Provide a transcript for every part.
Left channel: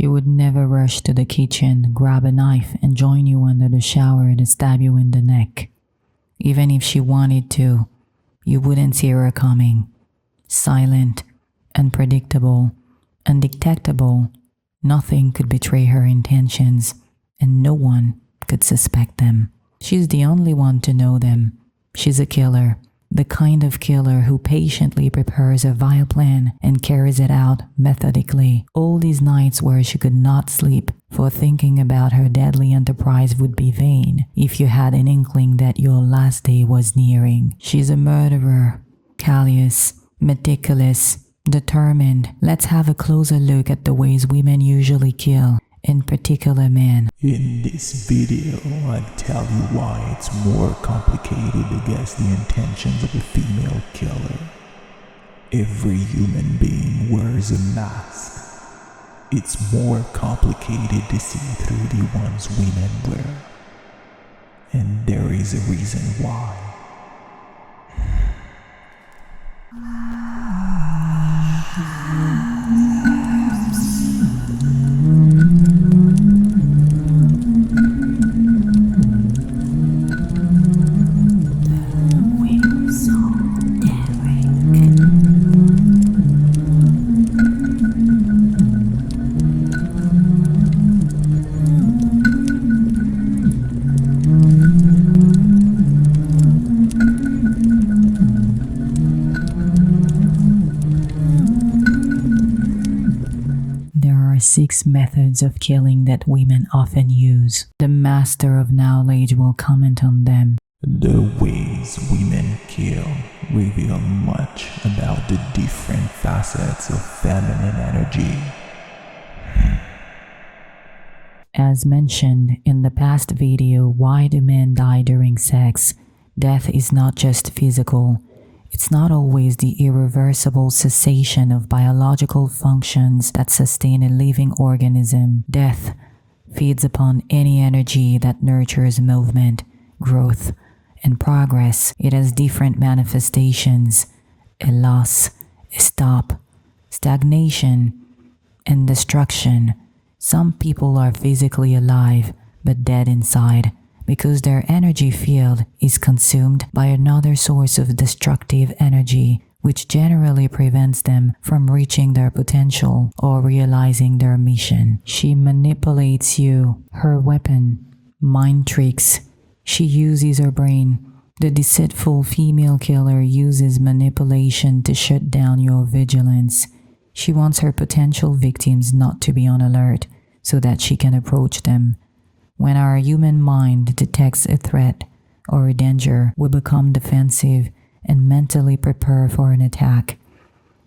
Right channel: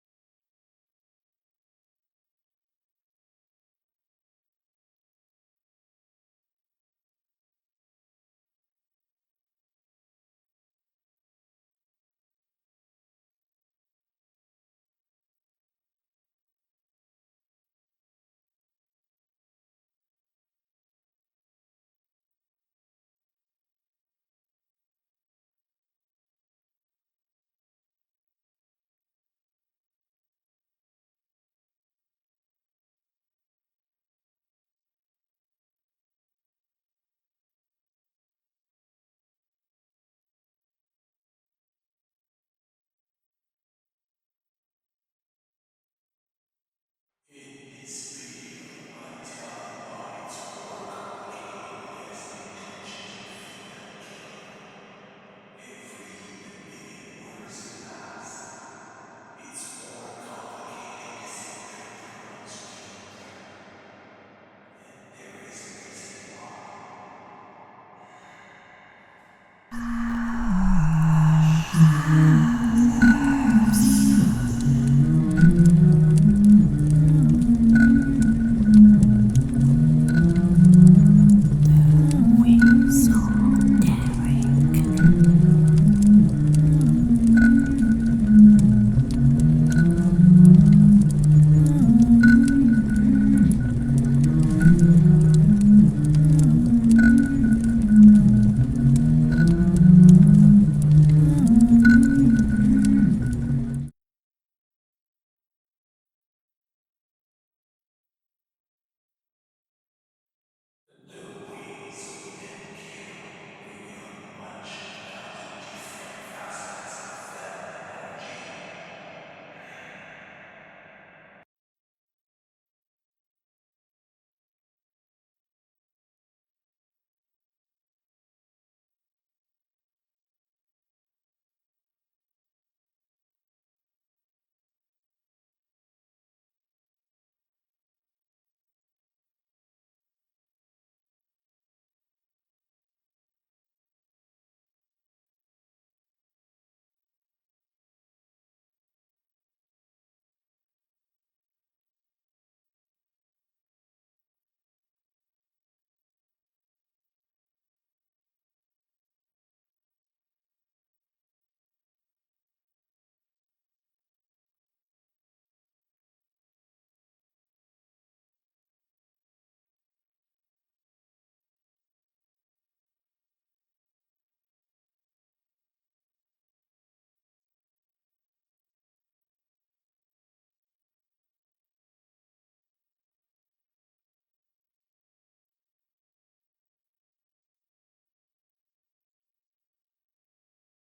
She would never rush to the kitchen, grab a knife, and join you under the shower to stab you in the neck. Even if she wanted to, you wouldn't see her coming. Silent, unpredictable, undetectable, nothing could betray her intentions, and no one could suspect them. She's the only one to know them. She's a killer, the kind of killer who patiently prepares a vile plan and carries it out methodically. All these nights where she could not sleep, for thinking about her deadly enterprise would be vain if you had an inkling that your last day was nearing. She's a murderer, callous, meticulous, determined. Let's have a closer look at the ways women usually kill, in particular men. In this video, I'll tell you why it's more complicated to guess the intentions of a female killer. Every human being wears a mask. It's more complicated to see through the ones women wear. And there is a reason why. There are 6 methods of killing that women often use. The master of knowledge will comment on them. The ways women kill reveal much about the different facets of feminine energy. As mentioned in the past video, Why Do Men Die During Sex? Death is not just physical. It's not always the irreversible cessation of biological functions that sustain a living organism. Death feeds upon any energy that nurtures movement, growth, and progress. It has different manifestations: a loss, a stop, stagnation, and destruction. Some people are physically alive but dead inside because their energy field is consumed by another source of destructive energy, which generally prevents them from reaching their potential or realizing their mission. She manipulates you, her weapon, mind tricks. She uses her brain. The deceitful female killer uses manipulation to shut down your vigilance. She wants her potential victims not to be on alert so that she can approach them. When our human mind detects a threat or a danger, we become defensive and mentally prepare for an attack.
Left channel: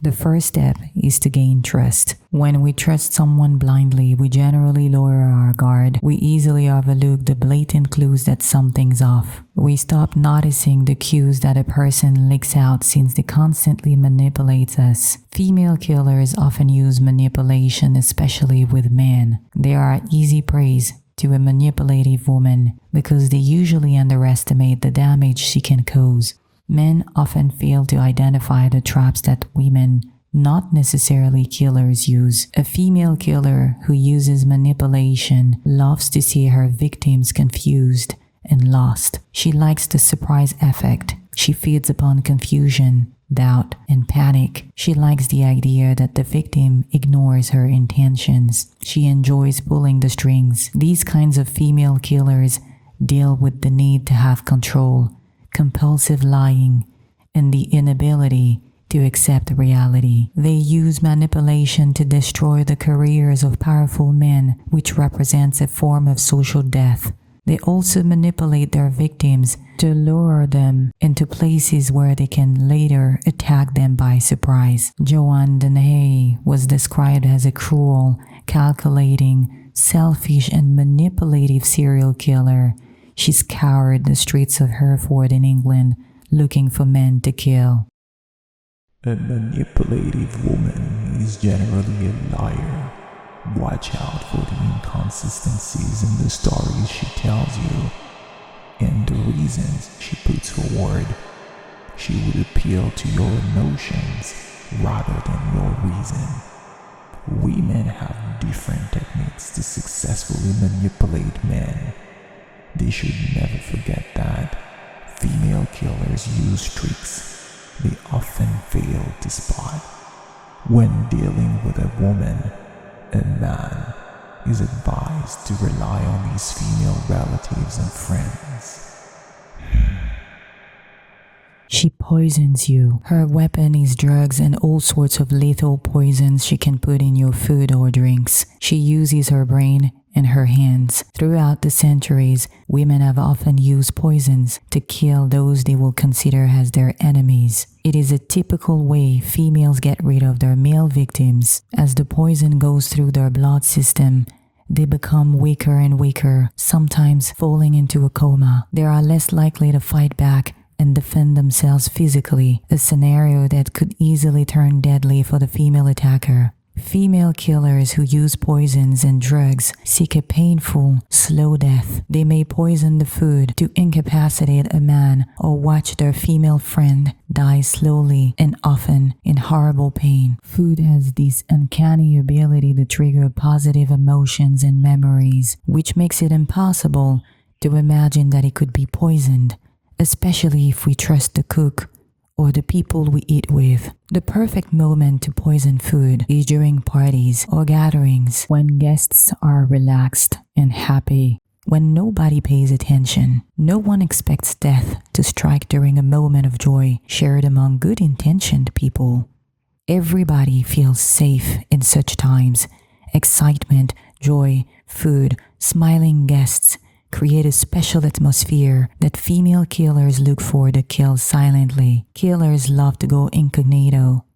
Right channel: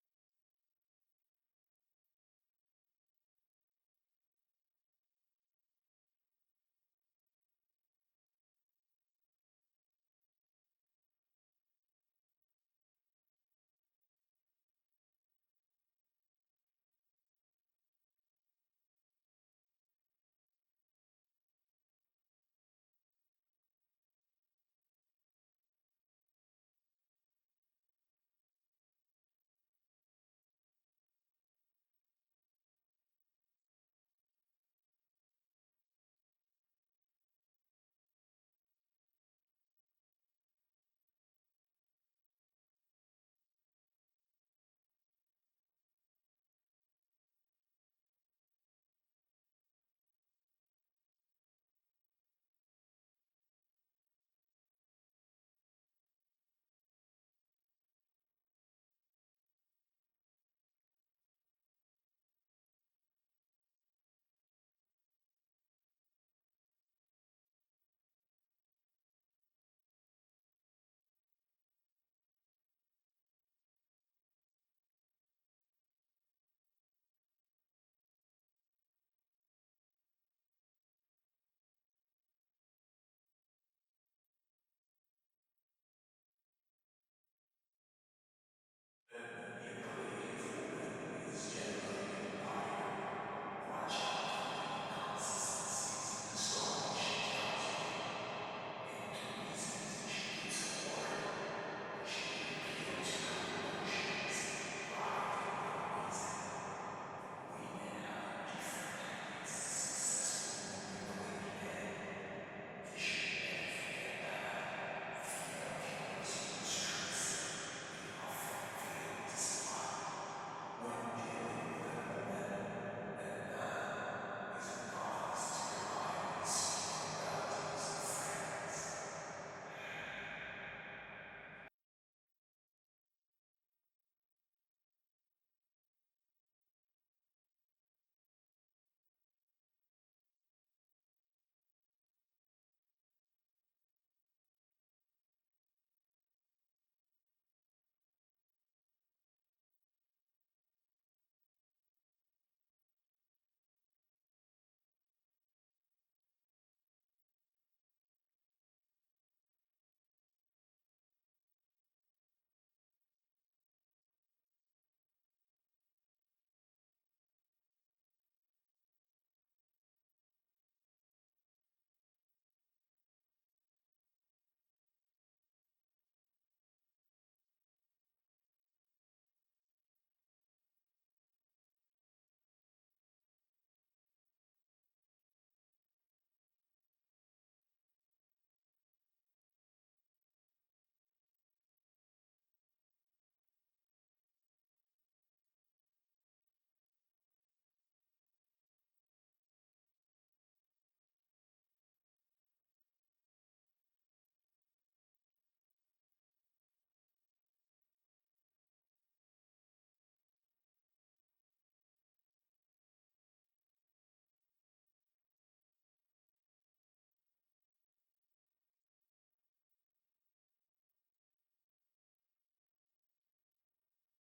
The first step is to gain trust. When we trust someone blindly, we generally lower our guard. We easily overlook the blatant clues that something's off. We stop noticing the cues that a person leaks out since they constantly manipulates us. Female killers often use manipulation, especially with men. They are easy prey to a manipulative woman because they usually underestimate the damage she can cause. Men often fail to identify the traps that women, not necessarily killers, use. A female killer who uses manipulation loves to see her victims confused and lost. She likes the surprise effect. She feeds upon confusion, doubt, and panic. She likes the idea that the victim ignores her intentions. She enjoys pulling the strings. These kinds of female killers deal with the need to have control, compulsive lying, and the inability to accept reality. They use manipulation to destroy the careers of powerful men, which represents a form of social death. They also manipulate their victims to lure them into places where they can later attack them by surprise. Joanne Dennehy was described as a cruel, calculating, selfish, and manipulative serial killer. She scoured the streets of Hereford in England looking for men to kill. A manipulative woman is generally a liar. Watch out for the inconsistencies in the stories she tells you and the reasons she puts forward. She would appeal to your emotions rather than your reason. Women have different who manipulate men. They should never forget that female killers use tricks they often fail to spot. When dealing with a woman, a man is advised to rely on his female relatives and friends. She poisons you. Her weapon is drugs and all sorts of lethal poisons she can put in your food or drinks. She uses her brain and her hands. Throughout the centuries, women have often used poisons to kill those they will consider as their enemies. It is a typical way females get rid of their male victims. As the poison goes through their blood system, they become weaker and weaker, sometimes falling into a coma. They are less likely to fight back and defend themselves physically, a scenario that could easily turn deadly for the female attacker. Female killers who use poisons and drugs seek a painful, slow death. They may poison the food to incapacitate a man or watch their female friend die slowly and often in horrible pain. Food has this uncanny ability to trigger positive emotions and memories, which makes it impossible to imagine that it could be poisoned, especially if we trust the cook or the people we eat with. The perfect moment to poison food is during parties or gatherings when guests are relaxed and happy, when nobody pays attention. No one expects death to strike during a moment of joy shared among good-intentioned people. Everybody feels safe in such times. Excitement, joy, food, smiling guests create a special atmosphere that female killers look for to kill silently. Killers love to go incognito.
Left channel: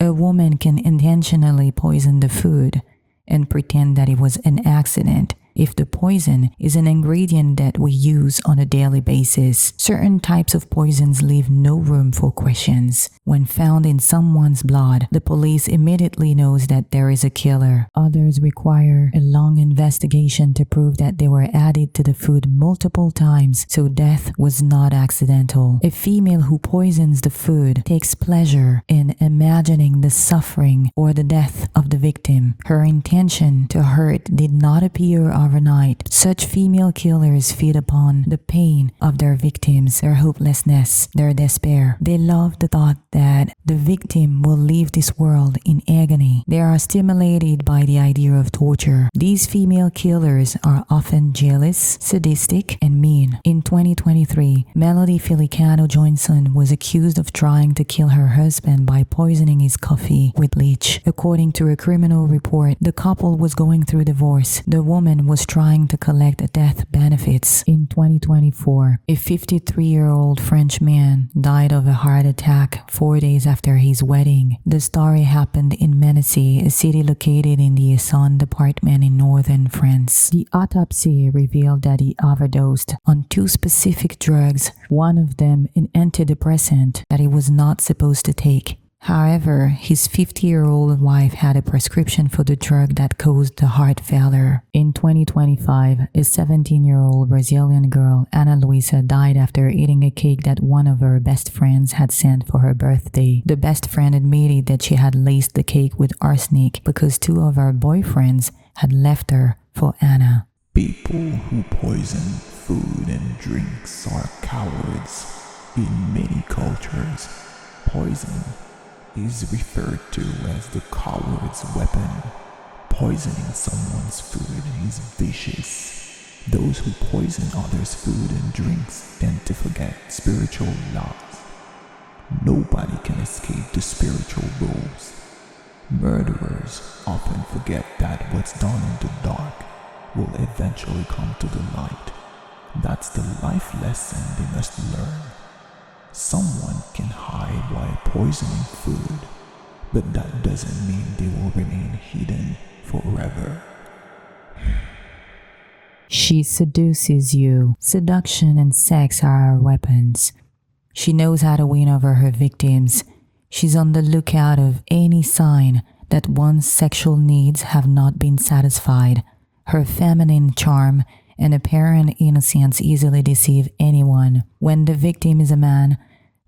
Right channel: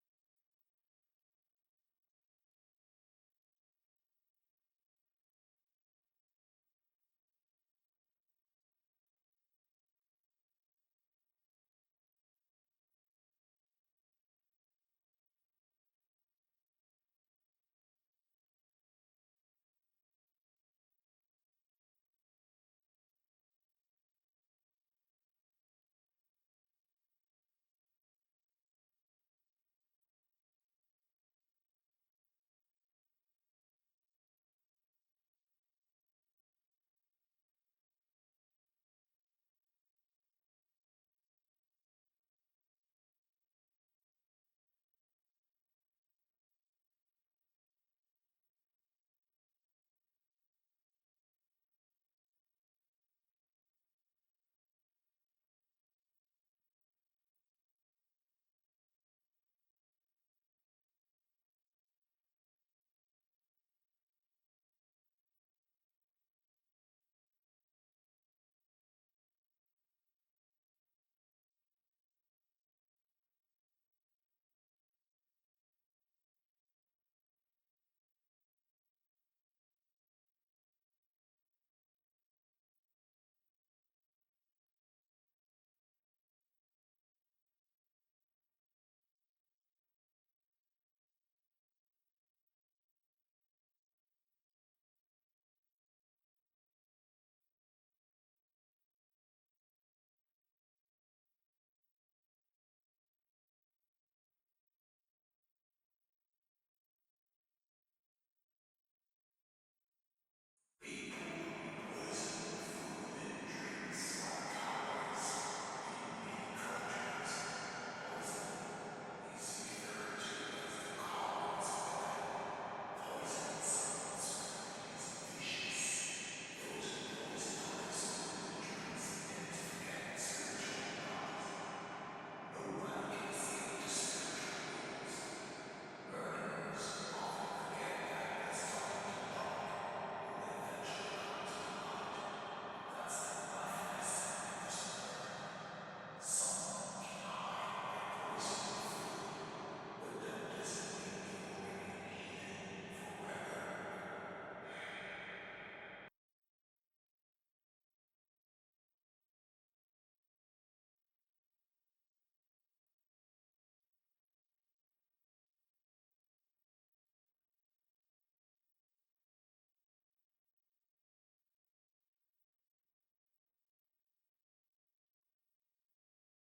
A woman can intentionally poison the food and pretend that it was an accident if the poison is an ingredient that we use on a daily basis. Certain types of poisons leave no room for questions. When found in someone's blood, the police immediately knows that there is a killer. Others require a long investigation to prove that they were added to the food multiple times, so death was not accidental. A female who poisons the food takes pleasure in imagining the suffering or the death of the victim. Her intention to hurt did not appear overnight. Such female killers feed upon the pain of their victims, their hopelessness, their despair. They love the thought that the victim will leave this world in agony. They are stimulated by the idea of torture. These female killers are often jealous, sadistic, and mean. In 2023, Melody Filicano Johnson was accused of trying to kill her husband by poisoning his coffee with bleach. According to a criminal report, the couple was going through divorce. The woman was trying to collect death benefits. In 2024, a 53-year-old French man died of a heart attack 4 days after his wedding. The story happened in Mennecy, a city located in the Essonne department in northern France. The autopsy revealed that he overdosed on 2 specific drugs, one of them an antidepressant that he was not supposed to take. However, his 50-year-old wife had a prescription for the drug that caused the heart failure. In 2025, a 17-year-old Brazilian girl, Ana Luisa, died after eating a cake that one of her best friends had sent for her birthday. The best friend admitted that she had laced the cake with arsenic because 2 of her boyfriends had left her for Ana. People who poison food and drinks are cowards. In many cultures, poison is referred to as the coward's weapon. Poisoning someone's food is vicious. Those who poison others' food and drinks tend to forget spiritual laws. Nobody can escape the spiritual rules. Murderers often forget that what's done in the dark will eventually come to the light. That's the life lesson they must learn. Someone can hide while poisoning food, but that doesn't mean they will remain hidden forever. She seduces you. Seduction and sex are her weapons. She knows how to win over her victims. She's on the lookout of any sign that one's sexual needs have not been satisfied. Her feminine charm and apparent innocence easily deceive anyone. When the victim is a man,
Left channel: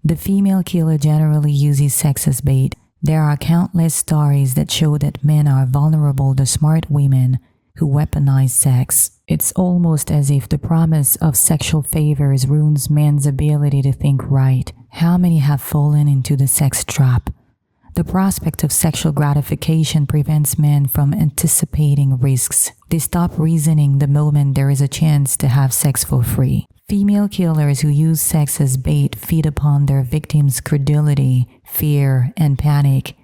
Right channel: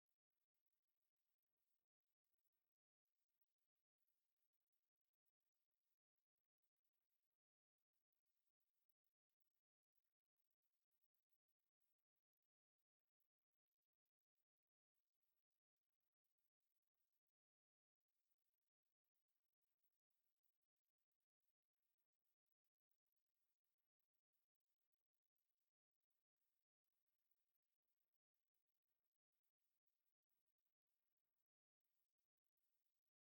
the female killer generally uses sex as bait. There are countless stories that show that men are vulnerable to smart women who weaponize sex. It's almost as if the promise of sexual favors ruins man's ability to think right. How many have fallen into the sex trap? The prospect of sexual gratification prevents men from anticipating risks. They stop reasoning the moment there is a chance to have sex for free. Female killers who use sex as bait feed upon their victims' credulity, fear, and panic.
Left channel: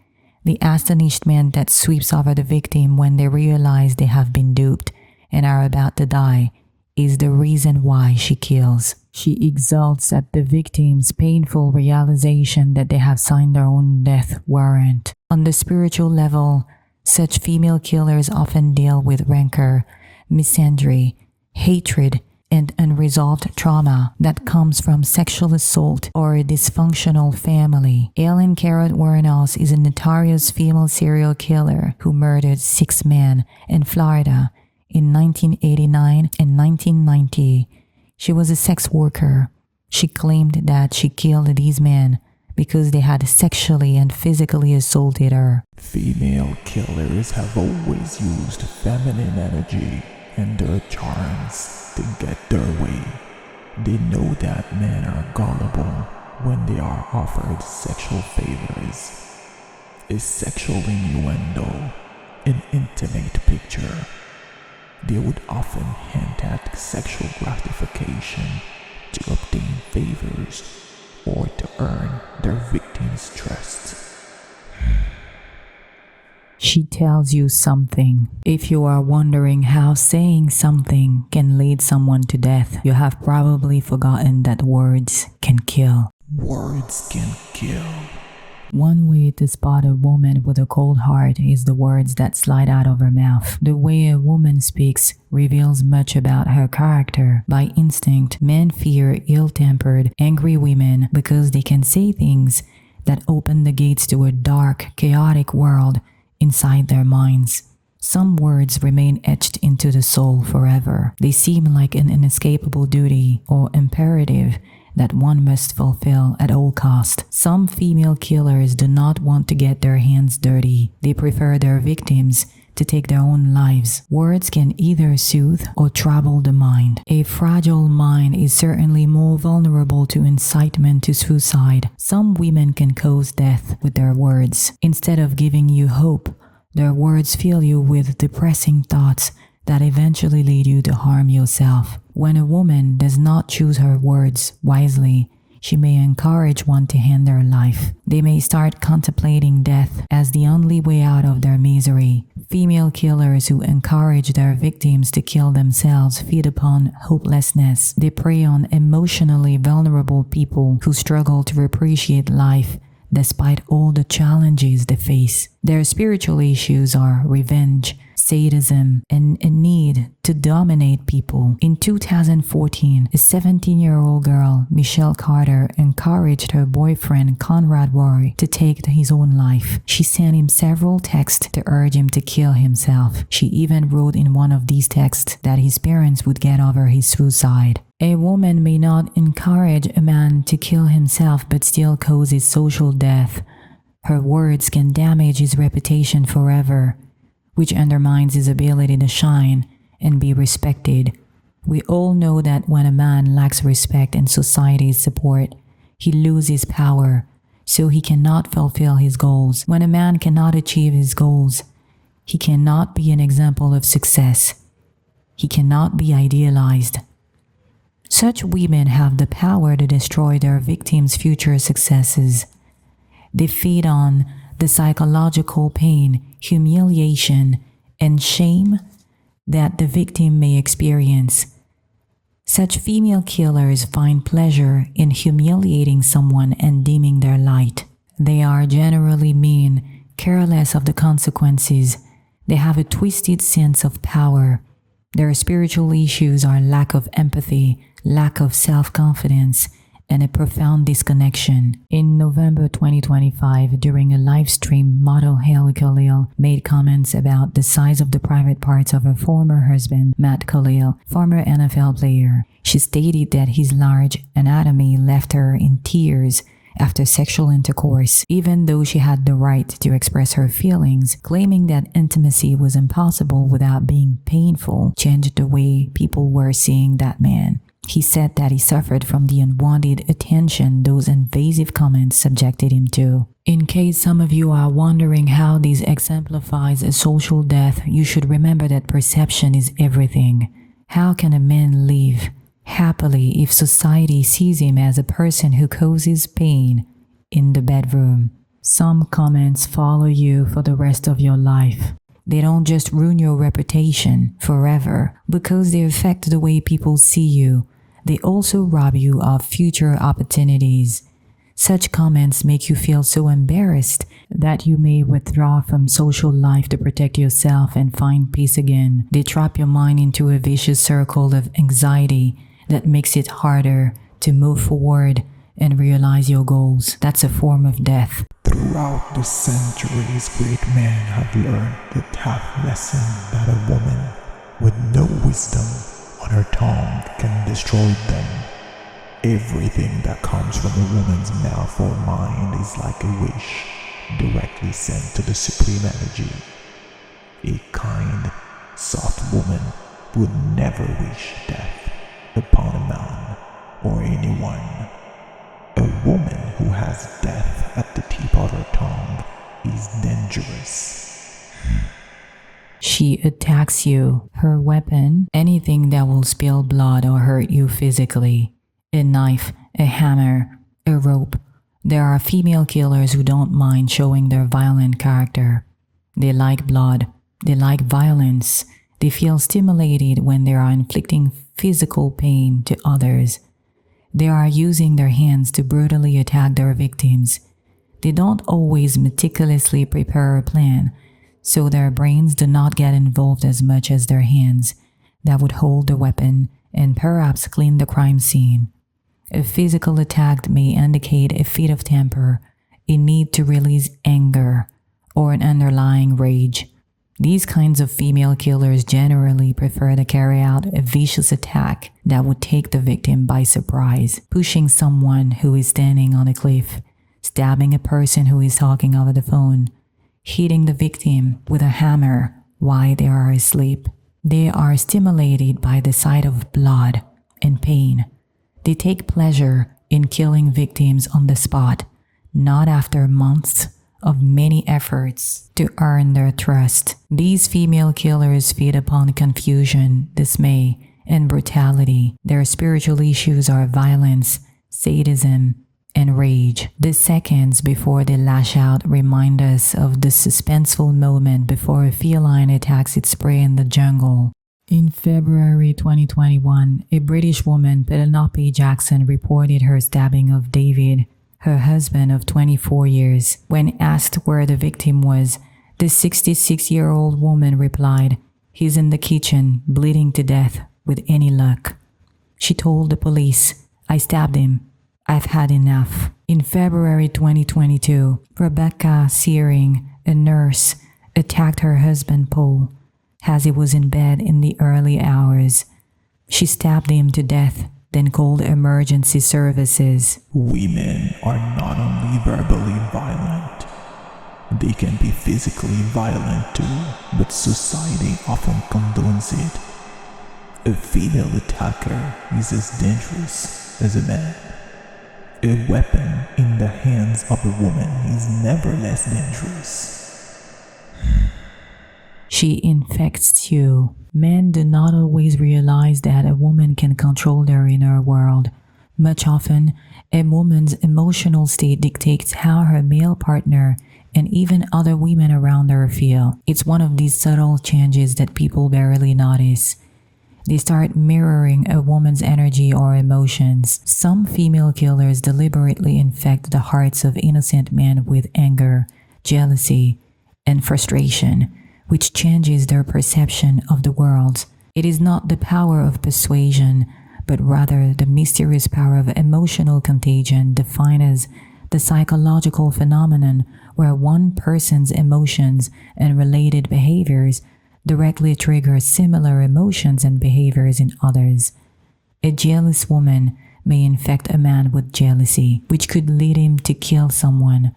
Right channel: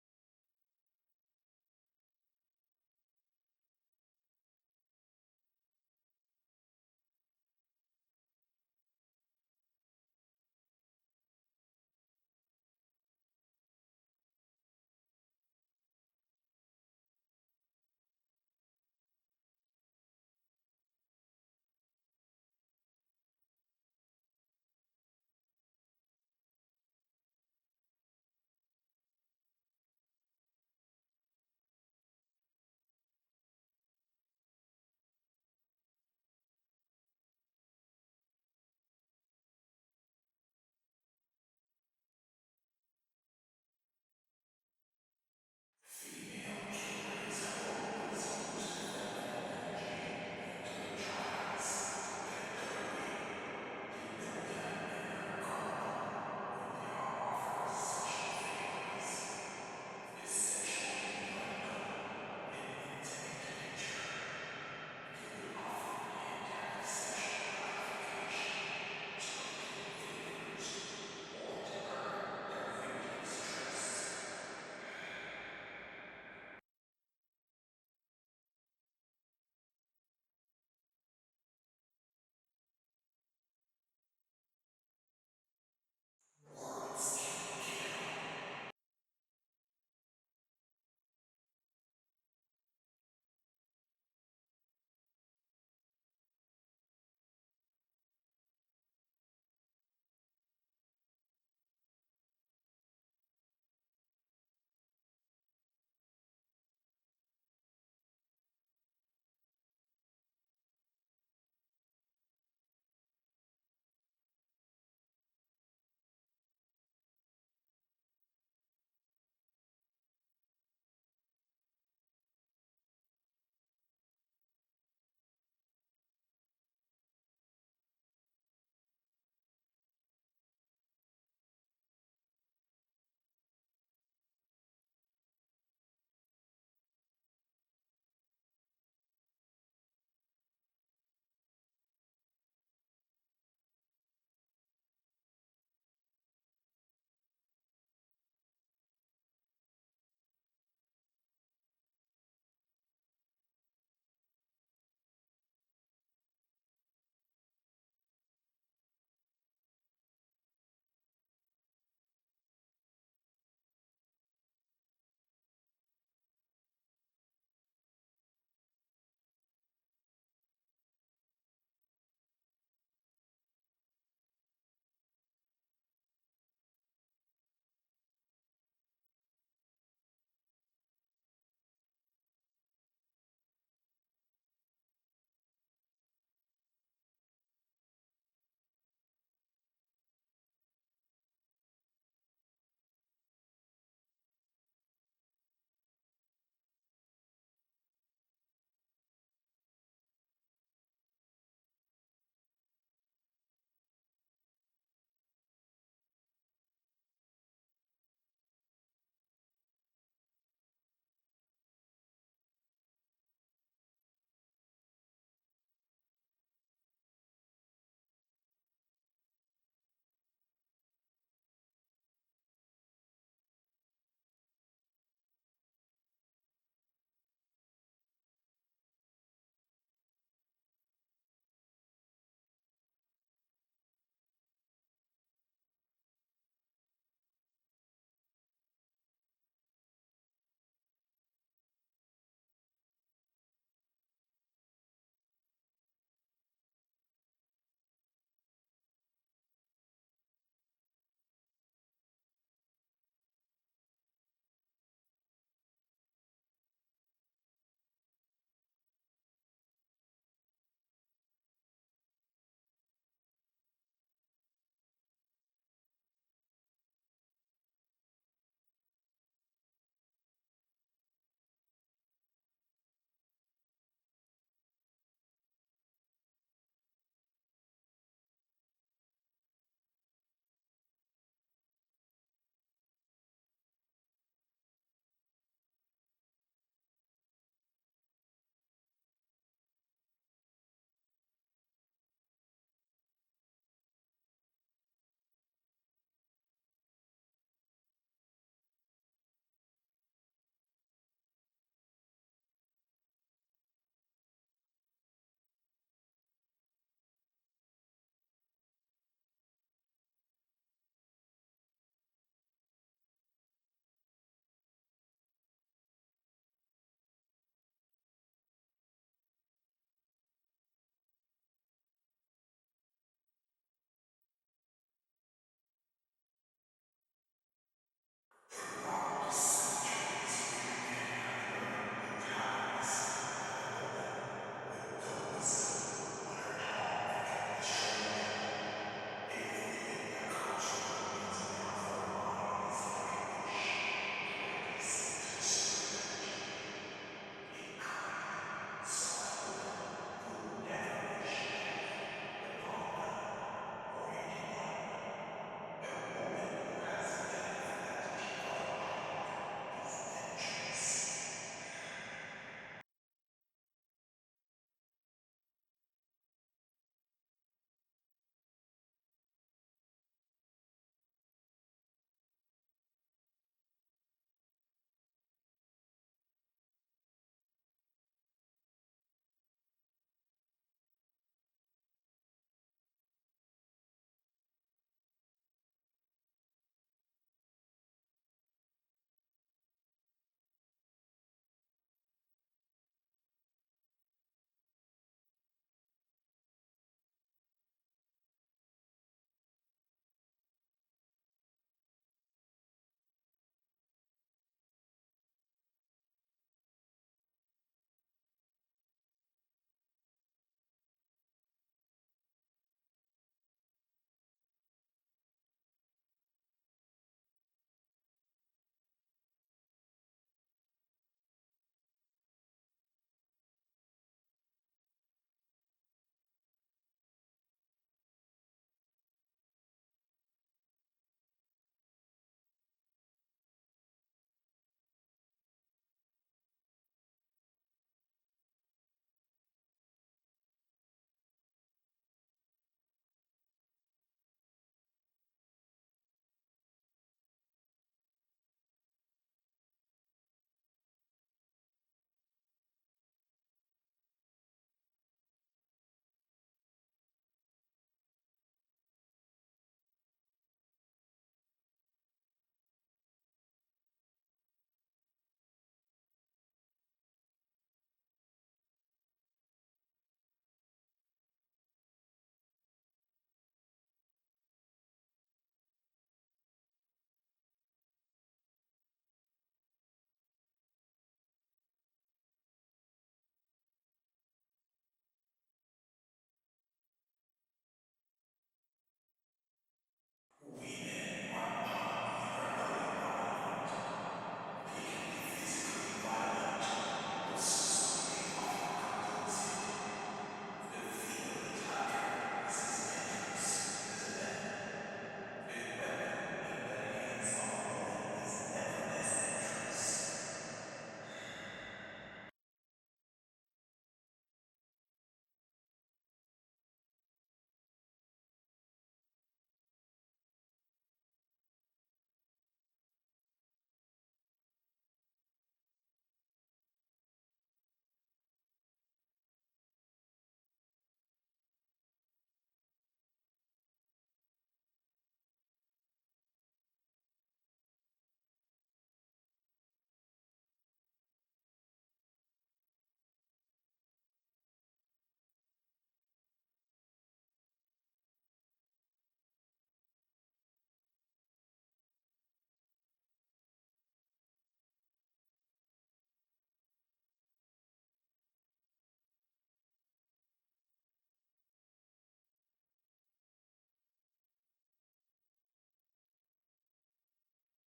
The astonished man that sweeps over the victim when they realize they have been duped and are about to die is the reason why she kills. She exults at the victim's painful realization that they have signed their own death warrant. On the spiritual level, such female killers often deal with rancor, misandry, hatred, and unresolved trauma that comes from sexual assault or a dysfunctional family. Ellen Carrot Wuornos is a notorious female serial killer who murdered 6 men in Florida in 1989 and 1990. She was a sex worker. She claimed that she killed these men because they had sexually and physically assaulted her. Female killers have always used feminine energy and their charms to get their way. They know that men are gullible when they are offered sexual favors. A sexual innuendo, an intimate picture. They would often hint at sexual gratification to obtain favors or to earn their victim's trust. She tells you something. If you are wondering how saying something can lead someone to death, you have probably forgotten that words can kill. Words can kill. One way to spot a woman with a cold heart is the words that slide out of her mouth. The way a woman speaks reveals much about her character. By instinct, men fear ill-tempered, angry women because they can say things that open the gates to a dark, chaotic world inside their minds. Some words remain etched into the soul forever. They seem like an inescapable duty or imperative that one must fulfill at all cost. Some female killers do not want to get their hands dirty. They prefer their victims to take their own lives. Words can either soothe or trouble the mind. A fragile mind is certainly more vulnerable to incitement to suicide. Some women can cause death with their words. Instead of giving you hope, their words fill you with depressing thoughts that eventually lead you to harm yourself. When a woman does not choose her words wisely, she may encourage one to end their life. They may start contemplating death as the only way out of their misery. Female killers who encourage their victims to kill themselves feed upon hopelessness. They prey on emotionally vulnerable people who struggle to appreciate life despite all the challenges they face. Their spiritual issues are revenge, sadism, and a need to dominate people. In 2014, a 17-year-old girl, Michelle Carter, encouraged her boyfriend Conrad Roy to take his own life. She sent him several texts to urge him to kill himself. She even wrote in one of these texts that his parents would get over his suicide. A woman may not encourage a man to kill himself but still cause his social death. Her words can damage his reputation forever, which undermines his ability to shine and be respected. We all know that when a man lacks respect and society's support, he loses power, so he cannot fulfill his goals. When a man cannot achieve his goals, he cannot be an example of success. He cannot be idealized. Such women have the power to destroy their victims' future successes. They feed on the psychological pain, humiliation, and shame that the victim may experience. Such female killers find pleasure in humiliating someone and dimming their light. They are generally mean, careless of the consequences. They have a twisted sense of power. Their spiritual issues are lack of empathy, lack of self-confidence, and a profound disconnection. In November 2025, during a live stream, model Hailey Khalil made comments about the size of the private parts of her former husband, Matt Khalil, former NFL player. She stated that his large anatomy left her in tears after sexual intercourse, even though she had the right to express her feelings, claiming that intimacy was impossible without being painful changed the way people were seeing that man. He said that he suffered from the unwanted attention those invasive comments subjected him to. In case some of you are wondering how this exemplifies a social death, you should remember that perception is everything. How can a man live happily if society sees him as a person who causes pain in the bedroom? Some comments follow you for the rest of your life. They don't just ruin your reputation forever because they affect the way people see you. They also rob you of future opportunities. Such comments make you feel so embarrassed that you may withdraw from social life to protect yourself and find peace again. They trap your mind into a vicious circle of anxiety that makes it harder to move forward and realize your goals. That's a form of death. Throughout the centuries, great men have learned the tough lesson that a woman with no wisdom on her tongue can destroy them. Everything that comes from a woman's mouth or mind is like a wish directly sent to the supreme energy. A kind, soft woman would never wish death upon a man or anyone. A woman who has death at the tip of her tongue is dangerous. She attacks you. Her weapon, anything that will spill blood or hurt you physically. A knife, a hammer, a rope. There are female killers who don't mind showing their violent character. They like blood. They like violence. They feel stimulated when they are inflicting physical pain to others. They are using their hands to brutally attack their victims. They don't always meticulously prepare a plan, so their brains do not get involved as much as their hands that would hold the weapon and perhaps clean the crime scene. A physical attack may indicate a fit of temper, a need to release anger, or an underlying rage. These kinds of female killers generally prefer to carry out a vicious attack that would take the victim by surprise, pushing someone who is standing on a cliff, stabbing a person who is talking over the phone, hitting the victim with a hammer while they are asleep. They are stimulated by the sight of blood and pain. They take pleasure in killing victims on the spot, not after months of many efforts to earn their trust. These female killers feed upon confusion, dismay, and brutality. Their spiritual issues are violence, sadism, and rage. The seconds before they lash out remind us of the suspenseful moment before a feline attacks its prey in the jungle. In February 2021, a British woman, Penelope Jackson, reported her stabbing of David, her husband of 24 years. When asked where the victim was, the 66-year-old woman replied, "He's in the kitchen, bleeding to death with any luck." She told the police, "I stabbed him. I've had enough." In February 2022, Rebecca Searing, a nurse, attacked her husband Paul as he was in bed in the early hours. She stabbed him to death, then called emergency services. Women are not only verbally violent, they can be physically violent too, but society often condones it. A female attacker is as dangerous as a man. A weapon in the hands of a woman is never less dangerous. She infects you. Men do not always realize that a woman can control their inner world. Much often, a woman's emotional state dictates how her male partner and even other women around her feel. It's one of these subtle changes that people barely notice. They start mirroring a woman's energy or emotions. Some female killers deliberately infect the hearts of innocent men with anger, jealousy, and frustration, which changes their perception of the world. It is not the power of persuasion, but rather the mysterious power of emotional contagion, defined as the psychological phenomenon where one person's emotions and related behaviors directly trigger similar emotions and behaviors in others. A jealous woman may infect a man with jealousy, which could lead him to kill someone.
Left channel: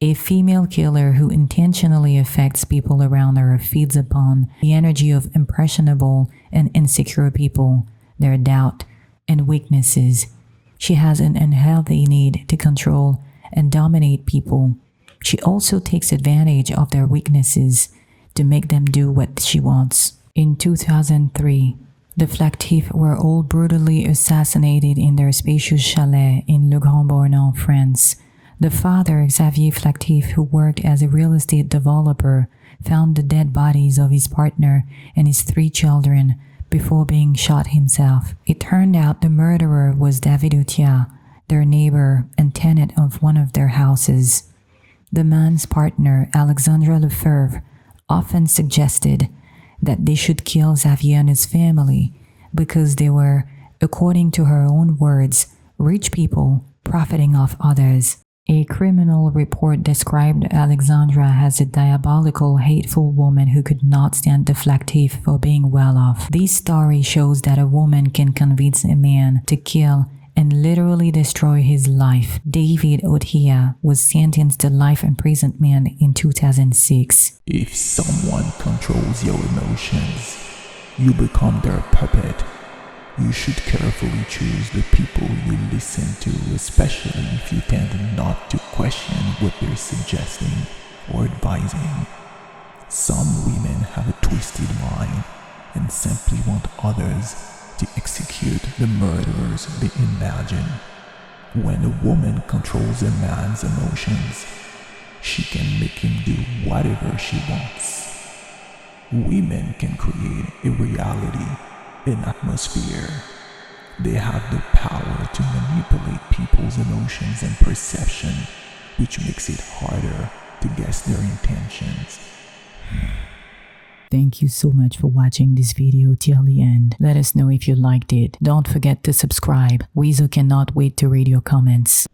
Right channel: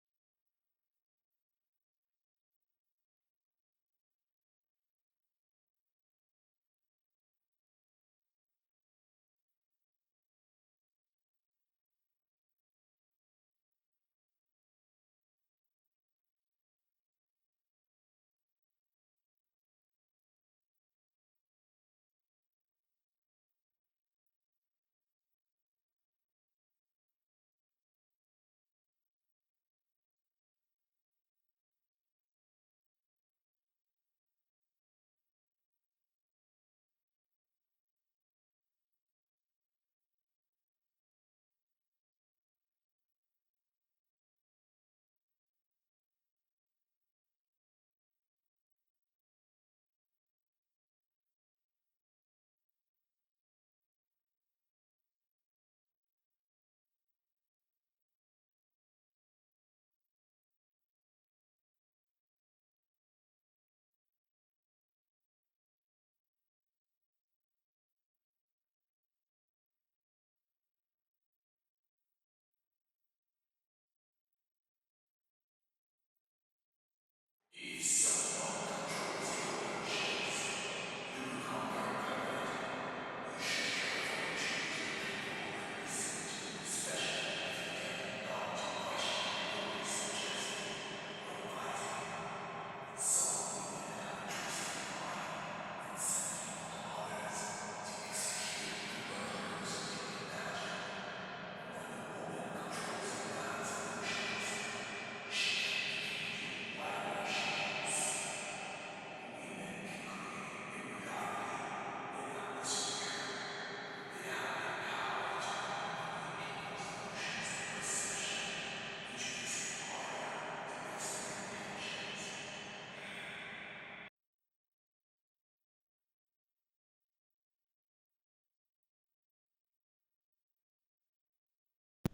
A female killer who intentionally affects people around her feeds upon the energy of impressionable and insecure people, their doubt and weaknesses. She has an unhealthy need to control and dominate people. She also takes advantage of their weaknesses to make them do what she wants. In 2003, the Flactifs were all brutally assassinated in their spacious chalet in Le Grand Bornand, France. The father, Xavier Flactif, who worked as a real estate developer, found the dead bodies of his partner and his 3 children before being shot himself. It turned out the murderer was David Outiat, their neighbor and tenant of one of their houses. The man's partner, Alexandra Lefebvre, often suggested that they should kill Xavier and his family because they were, according to her own words, rich people profiting off others. A criminal report described Alexandra as a diabolical, hateful woman who could not stand the Flactif for being well off. This story shows that a woman can convince a man to kill and literally destroy his life. David Outiat was sentenced to life imprisonment in 2006. If someone controls your emotions, you become their puppet. You should carefully choose the people you listen to, especially if you tend not to question what they're suggesting or advising. Some women have a twisted mind and simply want others to execute the murderers they imagine. When a woman controls a man's emotions, she can make him do whatever she wants. Women can create a reality, an atmosphere. They have the power to manipulate people's emotions and perception, which makes it harder to guess their intentions. Thank you so much for watching this video till the end. Let us know if you liked it. Don't forget to subscribe. Weasel cannot wait to read your comments.